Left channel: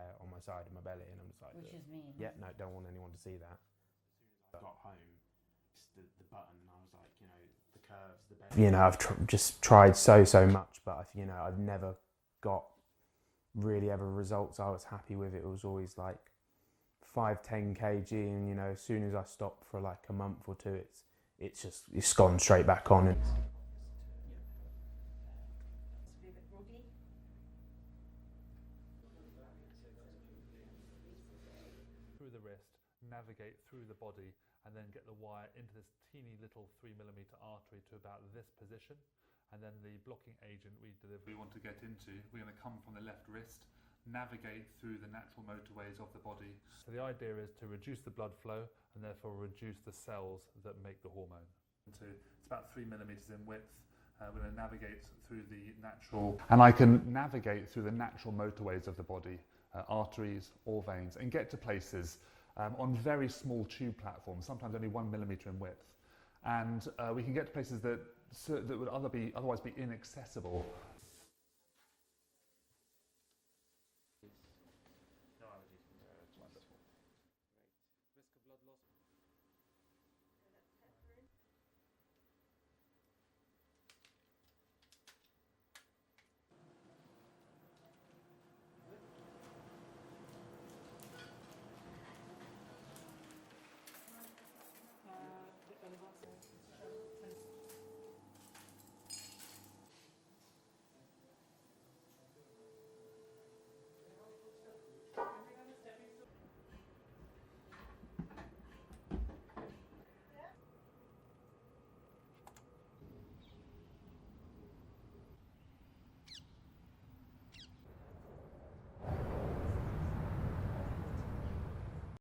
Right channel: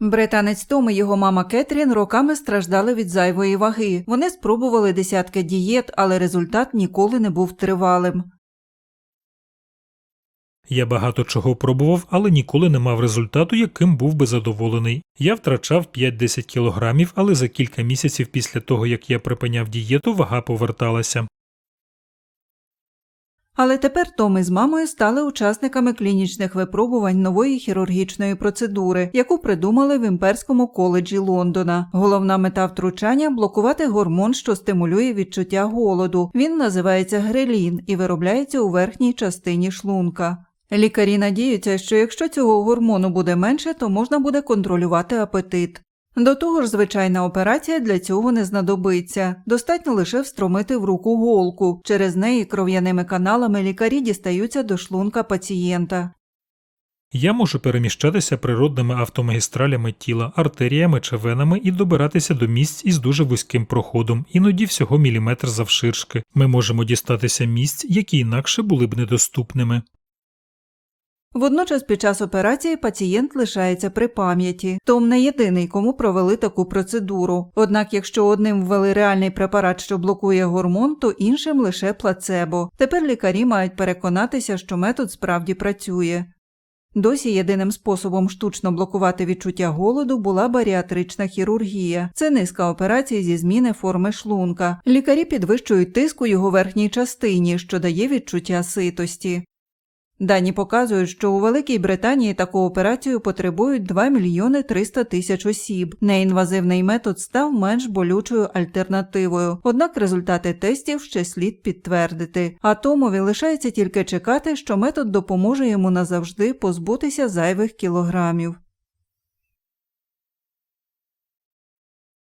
Британець Том і його мама Кетрін роками страждали від зайвої ваги. Вони спробували десятки дієт, але результат ніколи не був тривалим. You know, I've tr- just tried so, so much. Я багато чого пробував, але ніколи не мав результату, яким був би задоволений. Я втрачав 5-10 кілограмів, але за кілька місяців після того, як я припиняв дієту, вага поверталася. Але тепер Том із мамою стали учасниками клінічних випробувань нової хірургічної процедури, яку придумали в імперському коледжі Лондона. Головна мета втручання блокувати гормон, що стимулює відчуття голоду. Він називається грелін і виробляється у верхній частині шлунка. Лікарі надіються, що якщо цього гормону буде менше, то можна буде контролювати апетит. До того ж, звичайна операція для цього не знадобиться. Достатньо лише встромити в руку голку. Через неї кров'яними каналами лікарі дістаються до шлунка пацієнта. Я можу переміщатися природними автомагістралями тіла, артеріями чи венами і добиратися до місць із дуже вузьким проходом, іноді всього міліметр завширшки. Ми можемо дістатися місць, які інакше були б недоступними. Водночас під час операції пацієнт лишається при пам'яті. Том не єдиний, кому провели таку процедуру. Однак, якщо одним ввели реальний препарат, що блокує гормон, то іншим лише плацебо. Тепер лікарі мають переконатися, що метод справді працює. Досі єдиним способом штучно блокувати відчуття голоду була баріатрична хірургія. Це низка операцій зі зміни форми шлунка. Лікарі підвищують тиск у його верхній частині, що дає відчуття ситості. Дані показують, що у Великій Британії таку операцію потребують 2 мільйони 300 тисяч осіб. Неінвазивний метод став менш болючою альтернативою. Однак результати тестів ще слід підтвердити. А Томові лишається тільки чекати, що метод допоможе йому назавжди позбутися зайвих кілограмів.